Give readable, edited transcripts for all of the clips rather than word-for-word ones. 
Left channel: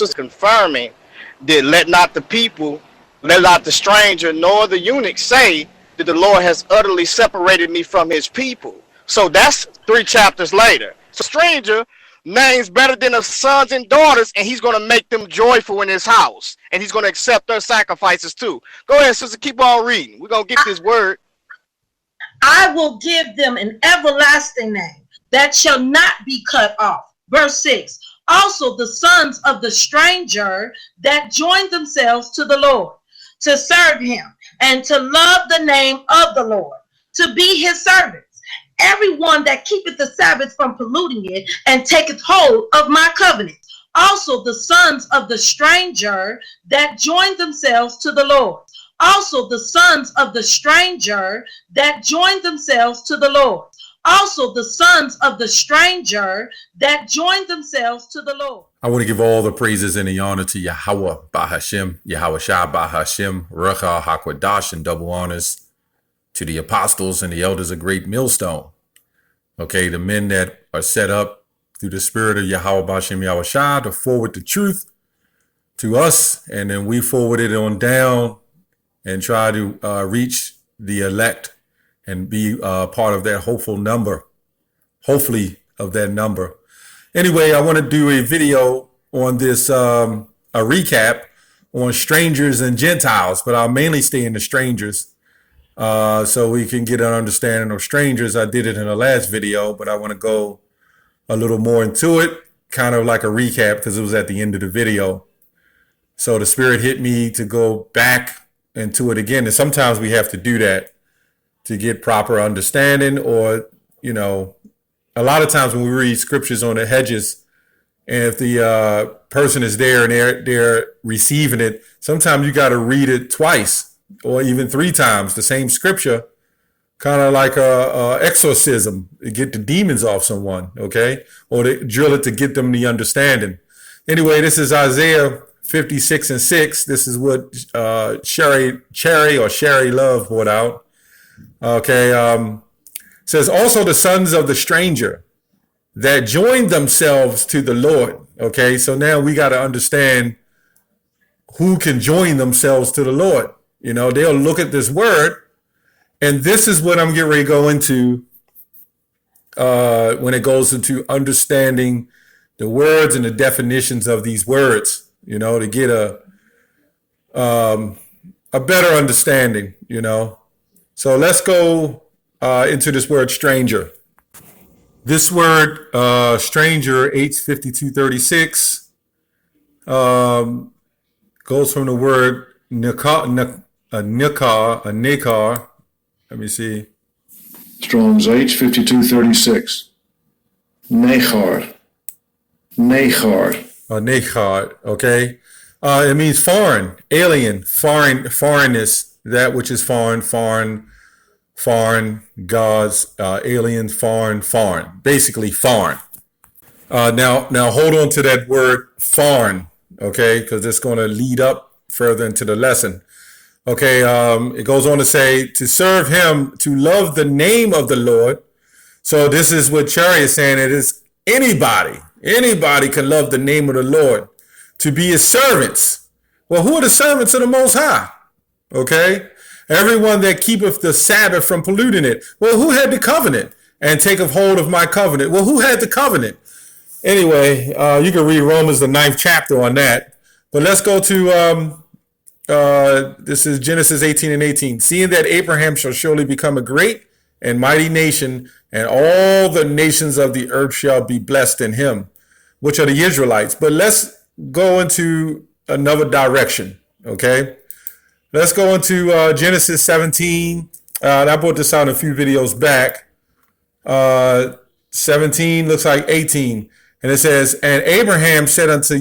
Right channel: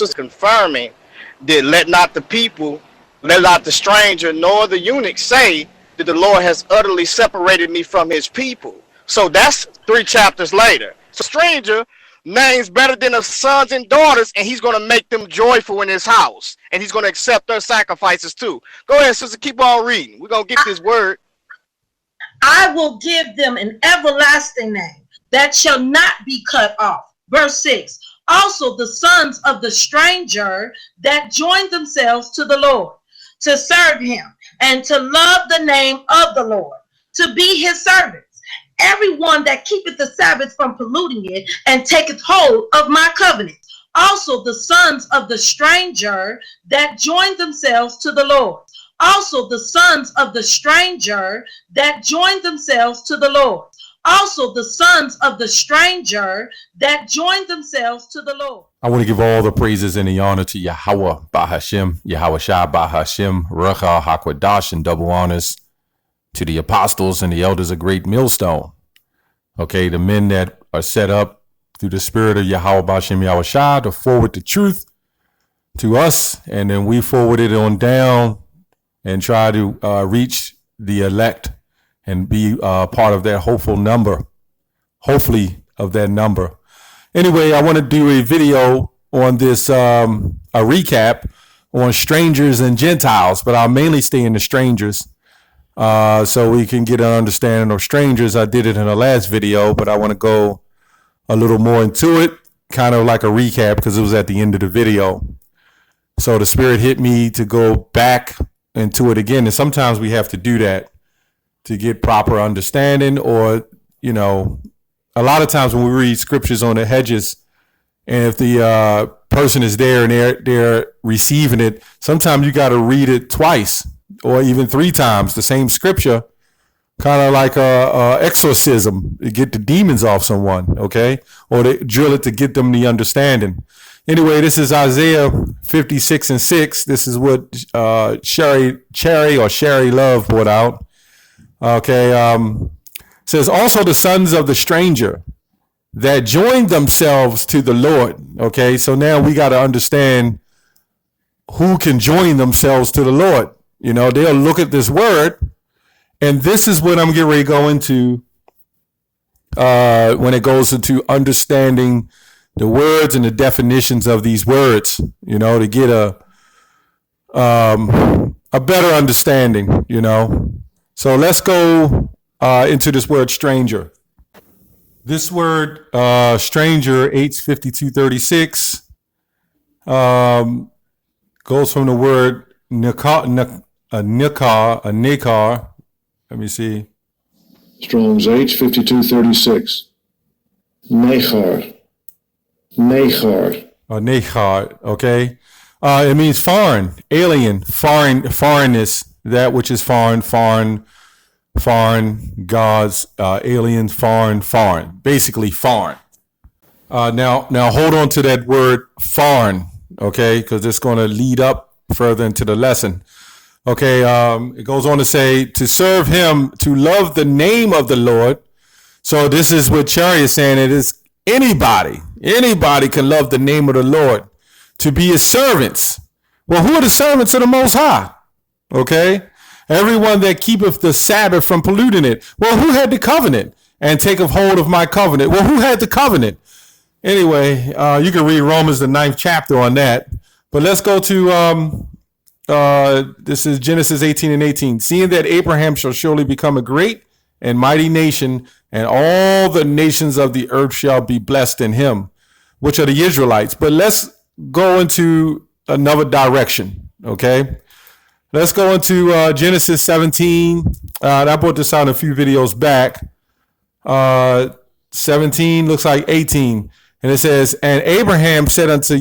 sister confirming that let not the stranger nor the eunuch say that the Lord has utterly separated me from his people. So that's 3 chapters later. So stranger names better than the sons and daughters, and he's going to make them joyful in his house, and he's going to accept their sacrifices too. Go ahead, sister, keep on reading. We're going to get this word. I will give them an everlasting name that shall not be cut off. Verse 6. Also the sons of the stranger that join themselves to the Lord, to serve him, and to love the name of the Lord, to be his servants. Everyone that keepeth the Sabbath from polluting it, and taketh hold of my covenant. Also the sons of the stranger that join themselves to the Lord. Also the sons of the stranger that join themselves to the Lord. Also the sons of the stranger that join themselves to the Lord. I want to give all the praises and the honor to Yahweh Bahashem, Yahweh Shai Bahashem, Rachel HaKodash, and double honors to the apostles and the elders of Great Millstone. Okay, the men that are set up through the spirit of Yahweh Bahashem Yahweh Shai to forward the truth to us, and then we forward it on down and try to reach the elect and be part of that hopefully of that number. Anyway, I want to do a video on this, a recap on strangers and Gentiles, but I'll mainly stay in the strangers so we can get an understanding of strangers. I did it in the last video, but I want to go a little more into it, kind of like a recap because it was at the end of the video. So the Spirit hit me to go back into it again, and sometimes we have to do that to get proper understanding, or you know, a lot of times when we read scriptures on the hedges, and if the person is there and they're receiving it, sometimes you got to read it twice or even 3 times, the same scripture, kind of like a exorcism to get the demons off someone, okay, or they drill it to get them the understanding. Anyway, this is Isaiah 56:6. This is what Sherry Love brought out. Okay, says also the sons of the stranger that joined themselves to the Lord. Okay, so now we got to understand who can join themselves to the Lord. You know, they'll look at this word, and this is what I'm getting ready to go into when it goes into understanding the words and the definitions of these words, you know, to get a better understanding, you know. So let's go into this word stranger. This word stranger, H5236, goes from the word nikar. Let me see. Strong's H5236. Nechar. Nechar, okay. It means foreign, alien, foreignness, that which is foreign, gods, aliens, foreign, basically foreign. Now hold on to that word foreign, okay, because it's going to lead up further into the lesson. Okay, it goes on to say, to serve him, to love the name of the Lord. So this is what Cherry is saying. It is anybody can love the name of the Lord, to be his servants. Well, who are the servants of the Most High? Okay, everyone that keepeth the Sabbath from polluting it. Well, who had the covenant? And taketh hold of my covenant. Well, who had the covenant? Anyway, you can read Romans the 9th chapter on that. But let's go to this is Genesis 18:18. Seeing that Abraham shall surely become a great and mighty nation, and all the nations of the earth shall be blessed in him, which are the Israelites. But let's go into another direction, okay? Let's go into Genesis 17. I brought this out a few videos back. 17 looks like 18. And it says, and Abraham said unto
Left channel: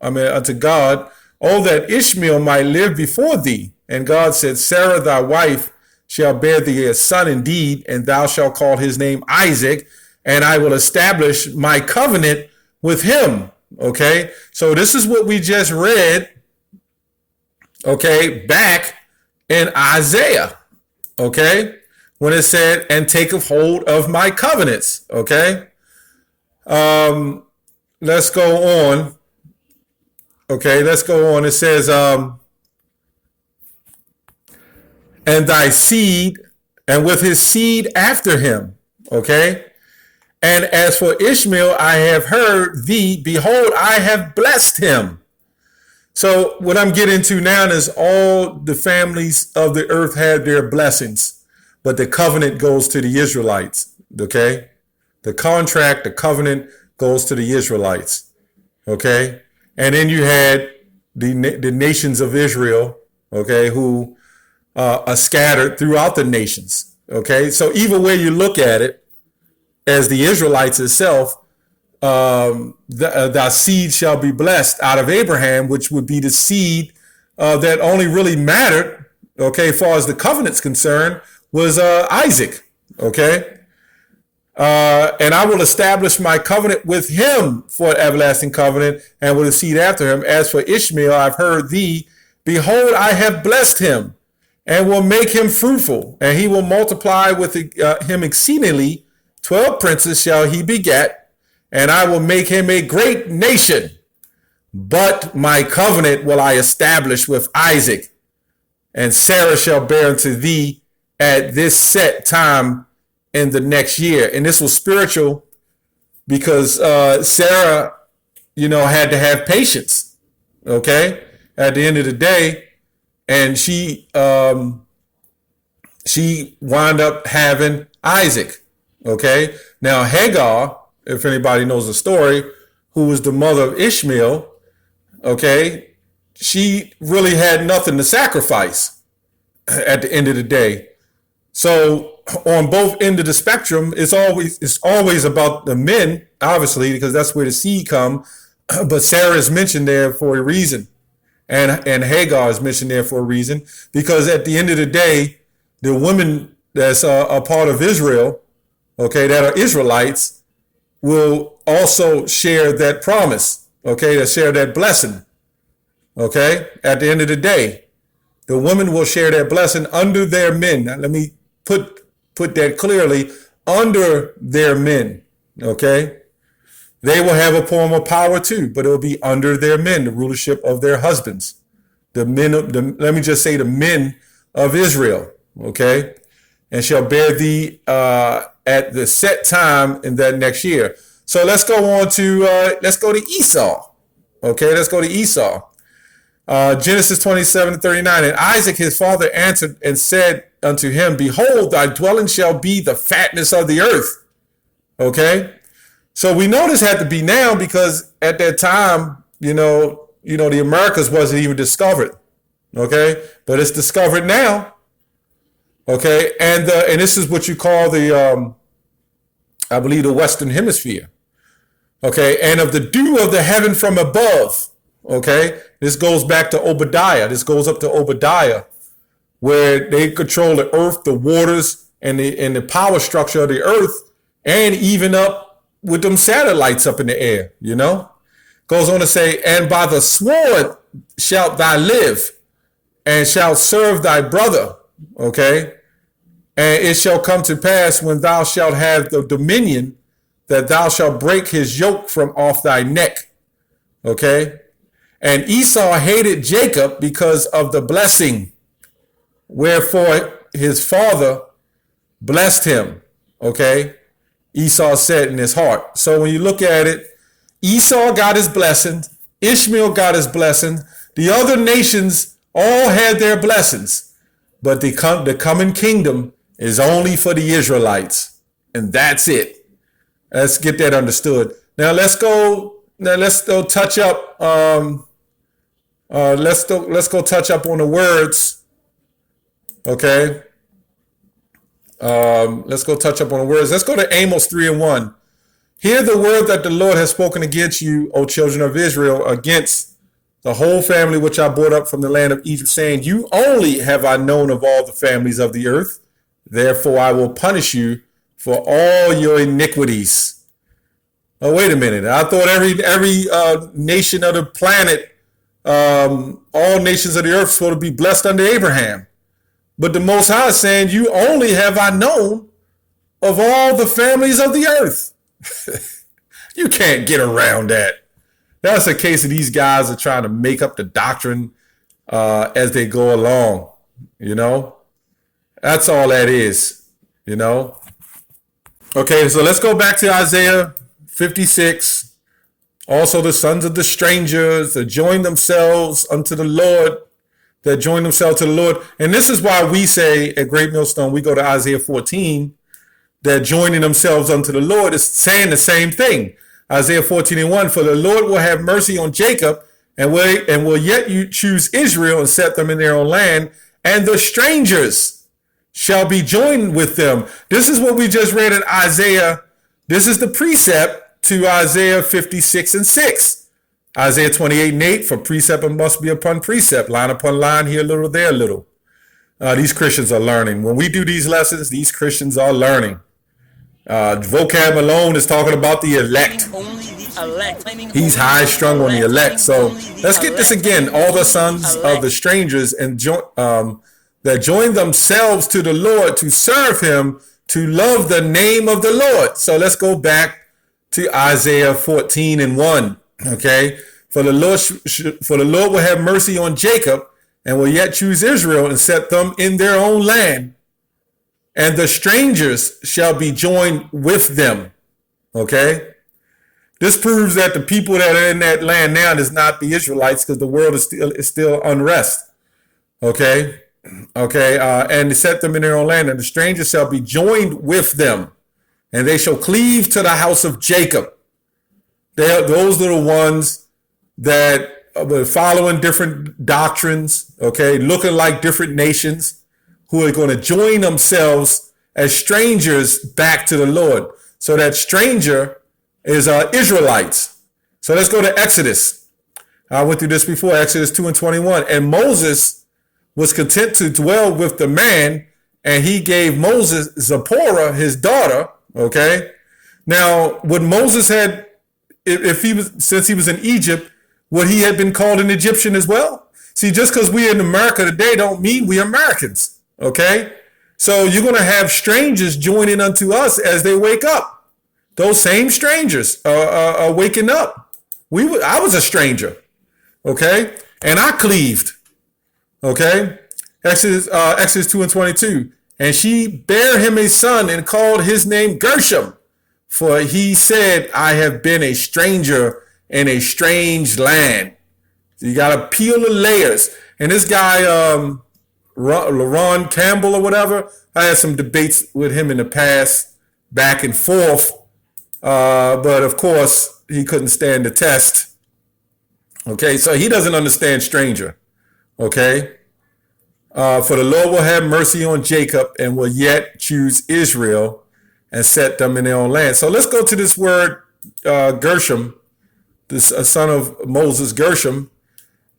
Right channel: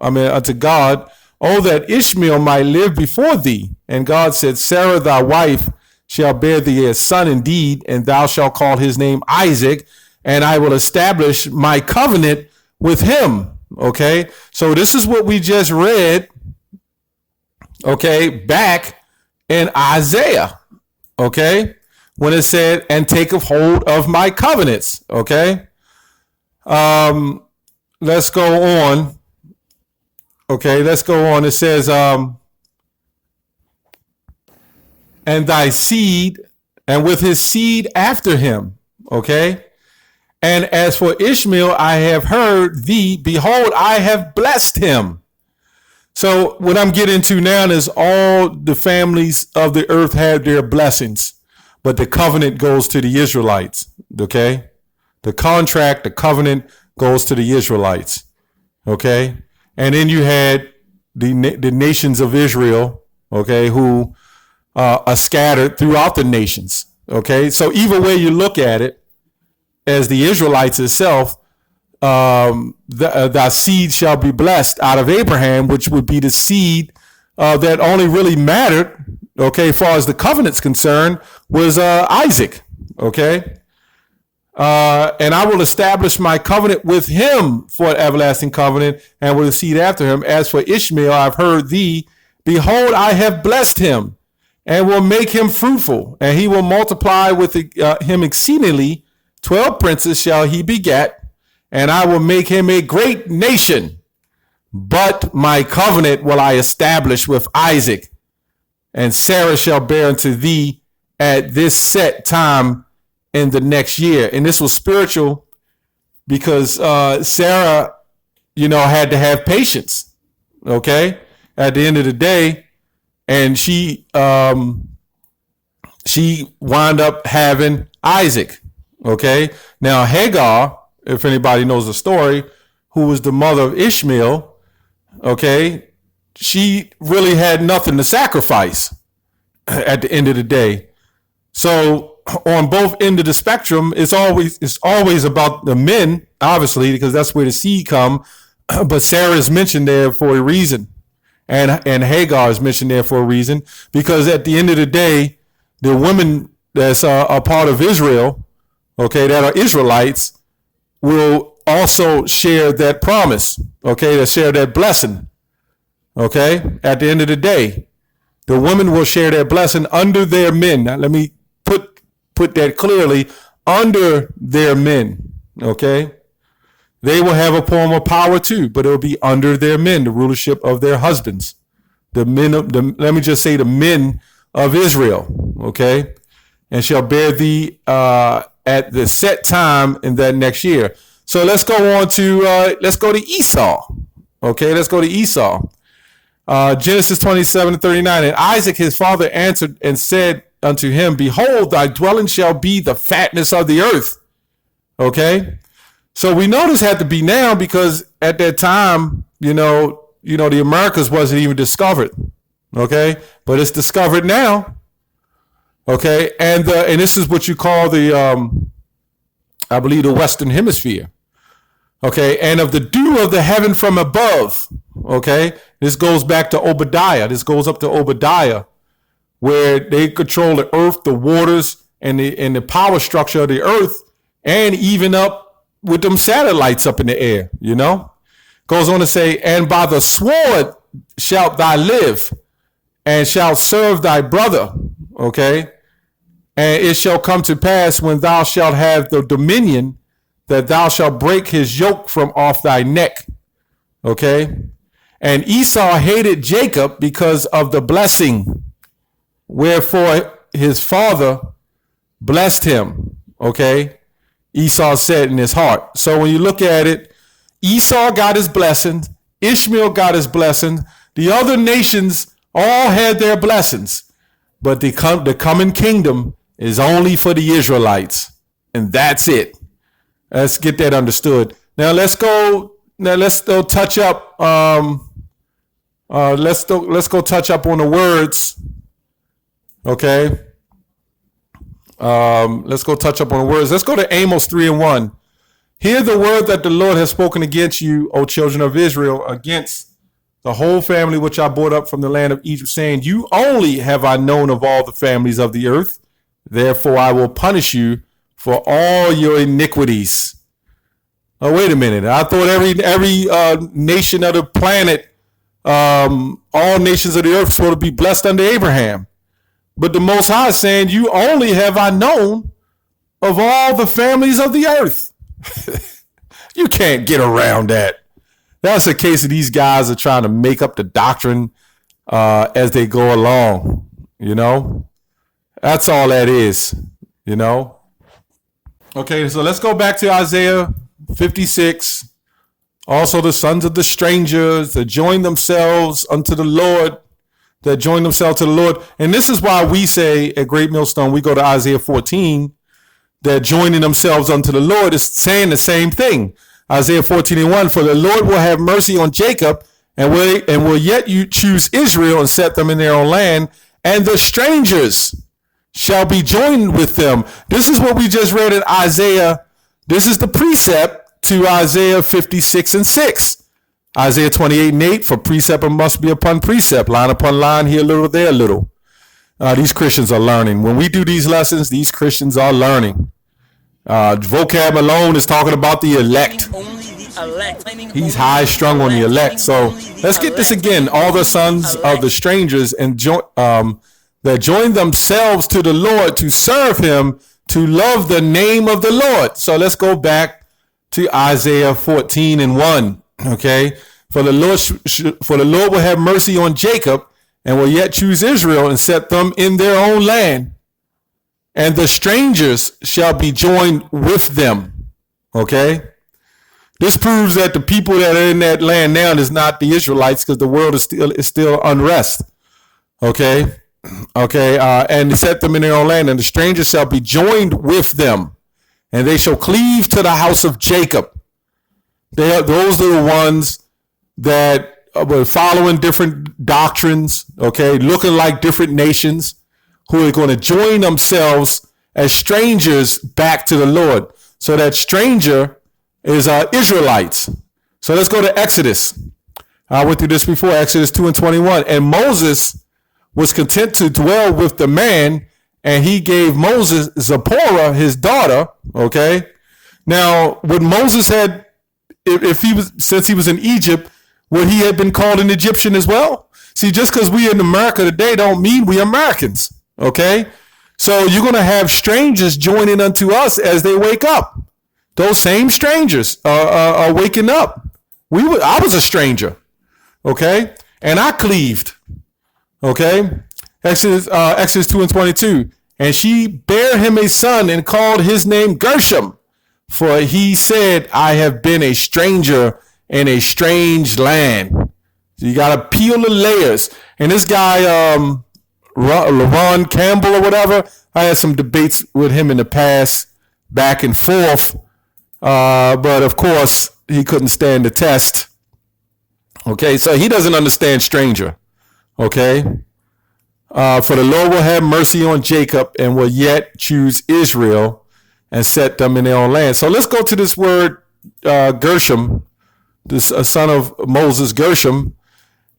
unto God, oh, that Ishmael might live before thee. And God said, Sarah thy wife shall bear thee a son indeed, and thou shalt call his name Isaac, and I will establish my covenant with him. Okay, so this is what we just read, okay, back in Isaiah, okay, when it said, and taketh hold of my covenants, okay. Let's go on Okay, let's go on. It says, and thy seed, and with his seed after him. Okay. And as for Ishmael, I have heard thee. Behold, I have blessed him. So what I'm getting to now is all the families of the earth have their blessings, but the covenant goes to the Israelites. Okay. The contract, the covenant goes to the Israelites. Okay. And then you had the nations of Israel, okay, who are scattered throughout the nations. Okay. So either way you look at it, as the Israelites itself, thy seed shall be blessed out of Abraham, which would be the seed that only really mattered, okay, as far as the covenant's concerned, was Isaac, okay? And I will establish my covenant with him for an everlasting covenant, and with the seed after him. As for Ishmael, I've heard thee. Behold, I have blessed him, and will make him fruitful, and he will multiply with him exceedingly. 12 princes shall he beget, and I will make him a great nation. But my covenant will I establish with Isaac, and Sarah shall bear unto thee at this set time in the next year. And this was spiritual because Sarah, had to have patience, okay, at the end of the day. And she wound up having Isaac. Okay, now Hagar, if anybody knows the story, who was the mother of Ishmael, okay, she really had nothing to sacrifice at the end of the day. So on both ends of the spectrum, it's always about the men, obviously, because that's where the seed come. But Sarah is mentioned there for a reason, and Hagar is mentioned there for a reason, because at the end of the day, the women that's a part of Israel, okay, that are Israelites, will also share that promise, okay, to share that blessing, okay, at the end of the day. The women will share that blessing under their men. Now, let me put that clearly, under their men, okay? They will have a form of power too, but it will be under their men, the rulership of their husbands. Let me just say the men of Israel, okay? And shall bear thee at the set time in that next year. So let's go on to Esau. Okay, let's go to Esau. Genesis 27:39. And Isaac his father answered and said unto him, Behold, thy dwelling shall be the fatness of the earth. Okay, so we know this had to be now, because at that time, the Americas wasn't even discovered. Okay, but it's discovered now. Okay, and this is what you call I believe the Western Hemisphere. Okay, and of the dew of the heaven from above. Okay, this goes back to Obadiah. This goes up to Obadiah, where they control the earth, the waters, and the power structure of the earth, and even up with them satellites up in the air. Goes on to say, and by the sword shalt thou live, and shalt serve thy brother. Okay. And it shall come to pass, when thou shalt have the dominion, that thou shalt break his yoke from off thy neck. Okay. And Esau hated Jacob because of the blessing, wherefore his father blessed him. Okay. Esau said in his heart. So when you look at it, Esau got his blessing, Ishmael got his blessing, the other nations all had their blessings, but the coming kingdom is only for the Israelites, and that's it. Let's get that understood. Now let's go touch up. Let's go touch up on the words. Okay. Let's go touch up on the words. Let's go to Amos 3:1. Hear the word that the Lord has spoken against you, O children of Israel, against the whole family which I brought up from the land of Egypt, saying, You only have I known of all the families of the earth. Therefore I will punish you for all your iniquities. Oh, wait a minute. I thought every nation of the planet, all nations of the earth, supposed to be blessed under Abraham. But the Most High is saying, you only have I known of all the families of the earth. You can't get around that. That's a case of these guys are trying to make up the doctrine as they go along. You know, that's all that is. You know. Okay, so let's go back to Isaiah 56. Also, the sons of the strangers that join themselves unto the Lord, that join themselves to the Lord. And this is why we say at Great Millstone, we go to Isaiah 14, that joining themselves unto the Lord is saying the same thing. Isaiah 14:1, for the Lord will have mercy on Jacob and will yet you choose Israel and set them in their own land, and the strangers shall be joined with them. This is what we just read in Isaiah. This is the precept to Isaiah 56:6. Isaiah 28:8, for precept must be upon precept, line upon line, here a little, there a little. These Christians are learning. When we do these lessons, these Christians are learning. Vocab alone is talking about the elect. He's high strung on the elect. So let's get this again. All the sons of the strangers and that join themselves to the Lord to serve him, to love the name of the Lord. So let's go back to Isaiah 14:1. Okay, for the Lord will have mercy on Jacob and will yet choose Israel and set them in their own land, and the strangers shall be joined with them. Okay, this proves that the people that are in that land now is not the Israelites, because the world is still unrest. Okay, and set them in their own land, and the strangers shall be joined with them, and they shall cleave to the house of Jacob. Those are the ones that were following different doctrines, okay, looking like different nations, who are going to join themselves as strangers back to the Lord. So that stranger is Israelites. So let's go to Exodus. I went through this before, Exodus 2:21. And Moses was content to dwell with the man, and he gave Moses Zipporah, his daughter. Okay. Now, would Moses had, if he was, since he was in Egypt, would he have been called an Egyptian as well? See, just because we in America today don't mean we Americans. Okay. So you're going to have strangers joining unto us as they wake up. Those same strangers are waking up. I was a stranger. Okay. And I cleaved. Okay. Exodus 2:22. And she bare him a son and called his name Gershom, for he said, I have been a stranger in a strange land. So you got to peel the layers. And this guy, LaRon Campbell or whatever, I had some debates with him in the past, back and forth. But of course, he couldn't stand the test. Okay, so he doesn't understand stranger. Okay. For the Lord will have mercy on Jacob and will yet choose Israel and set them in their own land. So let's go to this word Gershom, this son of Moses, Gershom.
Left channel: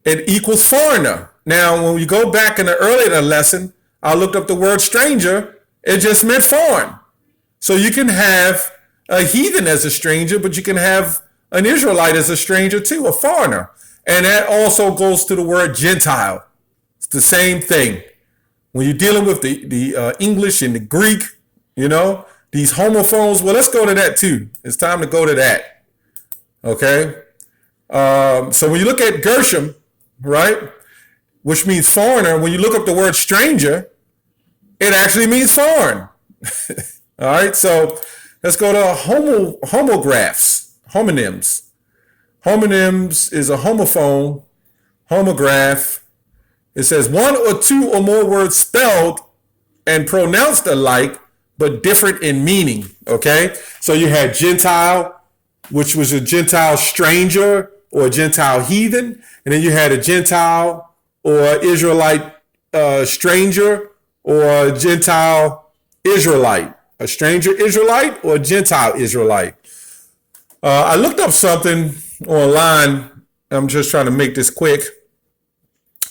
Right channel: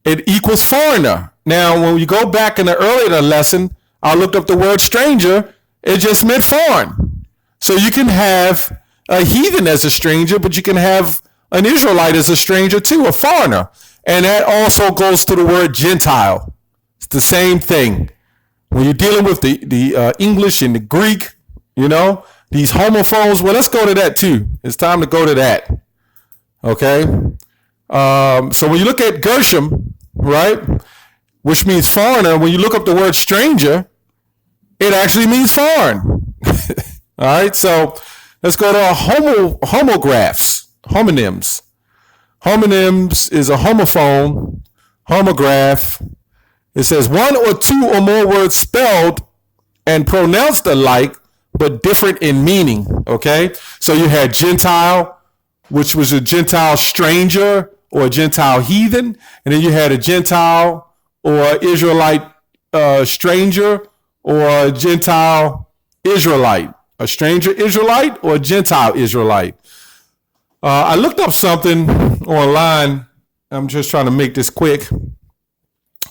It equals foreigner. Now, when we go back in the earlier lesson, I looked up the word stranger. It just meant foreign. So you can have a heathen as a stranger, but you can have an Israelite as a stranger too, a foreigner. And that also goes to the word Gentile. It's the same thing. When you're dealing with the English and the Greek, you know, these homophones, well, let's go to that too. It's time to go to that. Okay. So when you look at Gershom, right, which means foreigner, when you look up the word stranger, it actually means foreign. All right. So let's go to homonyms. Homonyms is a homophone, homograph. It says one or two or more words spelled and pronounced alike, but different in meaning. Okay. So you had Gentile, which was a Gentile stranger or a Gentile heathen. And then you had a Gentile or Israelite stranger or a Gentile Israelite. A stranger Israelite or a Gentile Israelite. I looked up something online. I'm just trying to make this quick.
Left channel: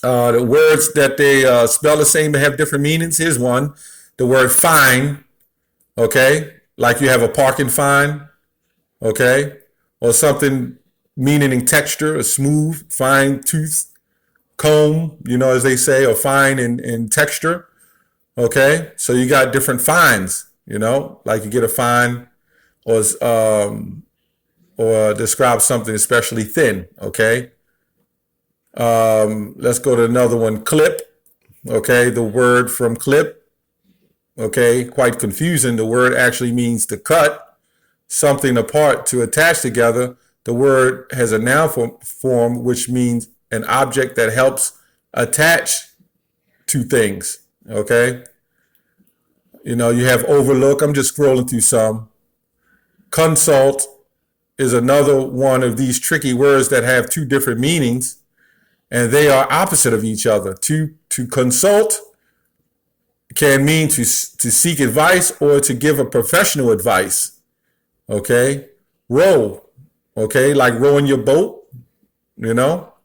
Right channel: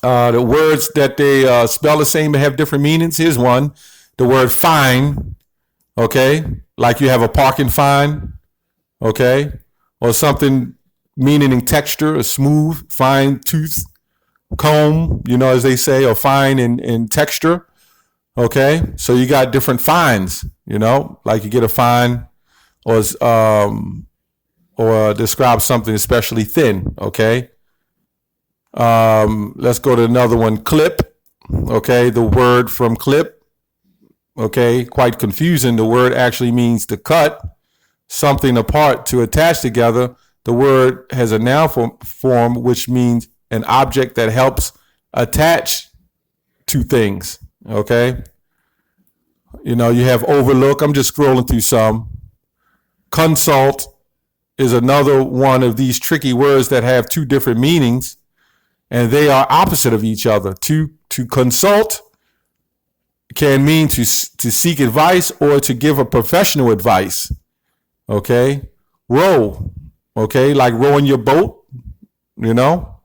The words that they spell the same but have different meanings. Here's one. The word fine. Okay. Like you have a parking fine. Okay. Or something meaning in texture, a smooth, fine tooth comb, you know, as they say, or fine in texture. Okay. So you got different fines, you know, like you get a fine or or describe something especially thin, okay? Let's go to another one, clip, okay? The word from clip, okay? Quite confusing. The word actually means to cut something apart, to attach together. The word has a noun form, which means an object that helps attach to things, okay? You know, you have overlook. I'm just scrolling through some. Consult is another one of these tricky words that have two different meanings, and they are opposite of each other. To consult can mean to seek advice or to give a professional advice, okay? Row, okay, like rowing your boat, you know,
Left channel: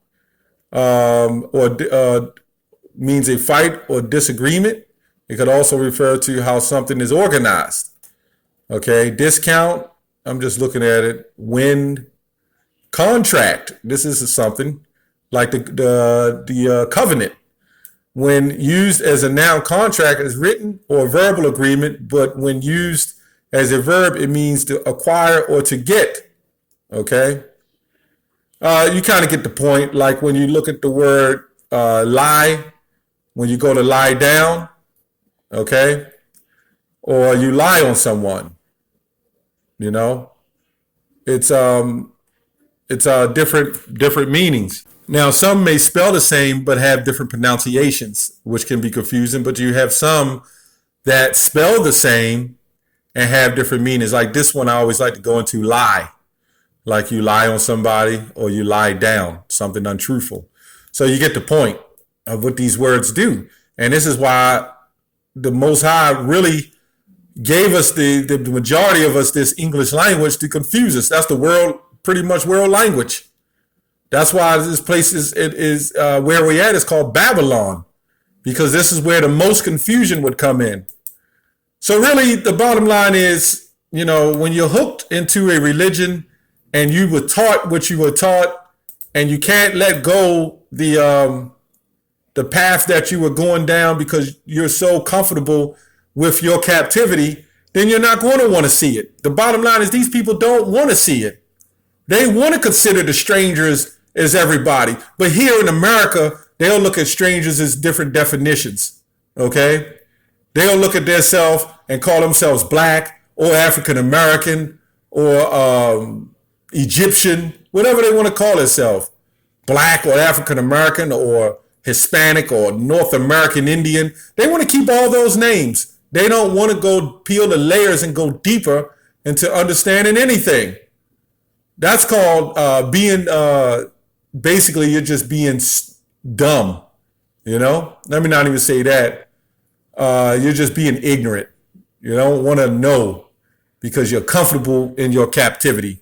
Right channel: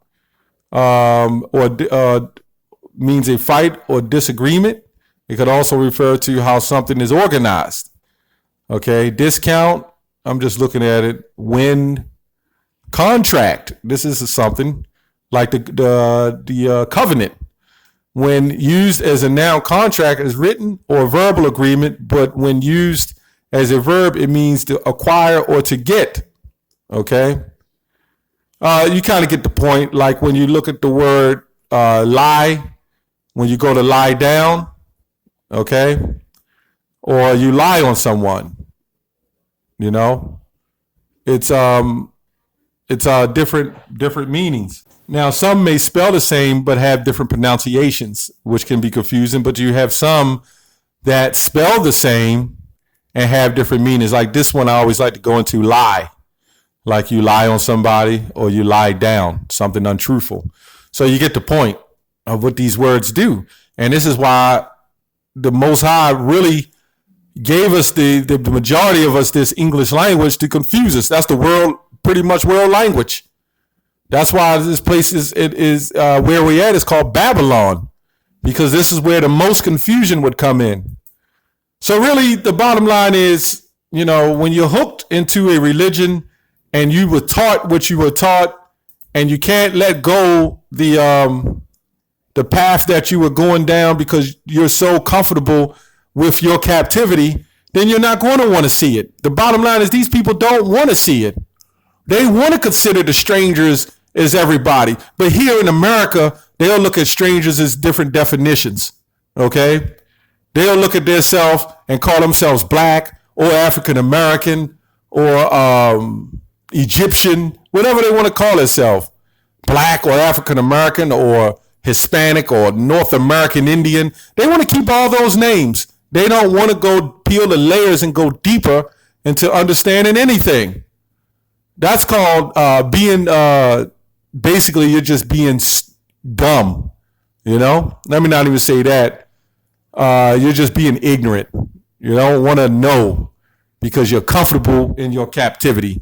or means a fight or disagreement. It could also refer to how something is organized, okay? Discount, I'm just looking at it. Win. Contract, this is something like the covenant. When used as a noun, contract is written or verbal agreement, but when used as a verb, it means to acquire or to get, okay? You kind of get the point, like when you look at the word lie, when you go to lie down, okay? Or you lie on someone, you know? It's different meanings. Now, some may spell the same but have different pronunciations, which can be confusing, but you have some that spell the same and have different meanings. Like this one, I always like to go into lie. Like you lie on somebody or you lie down, something untruthful. So you get the point of what these words do. And this is why the Most High really gave us the majority of us this English language to confuse us. That's the world, pretty much world language. That's why this place is where we at. It's called Babylon, because this is where the most confusion would come in. So really, the bottom line is, you know, when you're hooked into a religion and you were taught what you were taught, and you can't let go the path that you were going down because you're so comfortable with your captivity, then you're not going to want to see it. The bottom line is these people don't want to see it. They want to consider the strangers as everybody. But here in America, they'll look at strangers as different definitions, okay? They'll look at themselves and call themselves black or African American or Egyptian, whatever they want to call themselves, black or African American or Hispanic or North American Indian. They want to keep all those names. They don't want to go peel the layers and go deeper into understanding anything. That's called being, basically you're just being dumb, you know? Let me not even say that. You're just being ignorant. You don't want to know because you're comfortable in your captivity.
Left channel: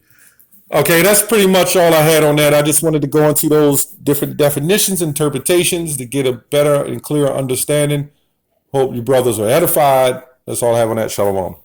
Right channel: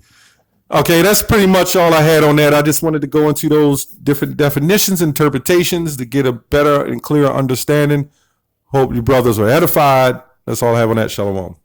Okay, that's pretty much all I had on that. I just wanted to go into those different definitions, interpretations to get a better and clearer understanding. Hope you brothers are edified. That's all I have on that. Shalom.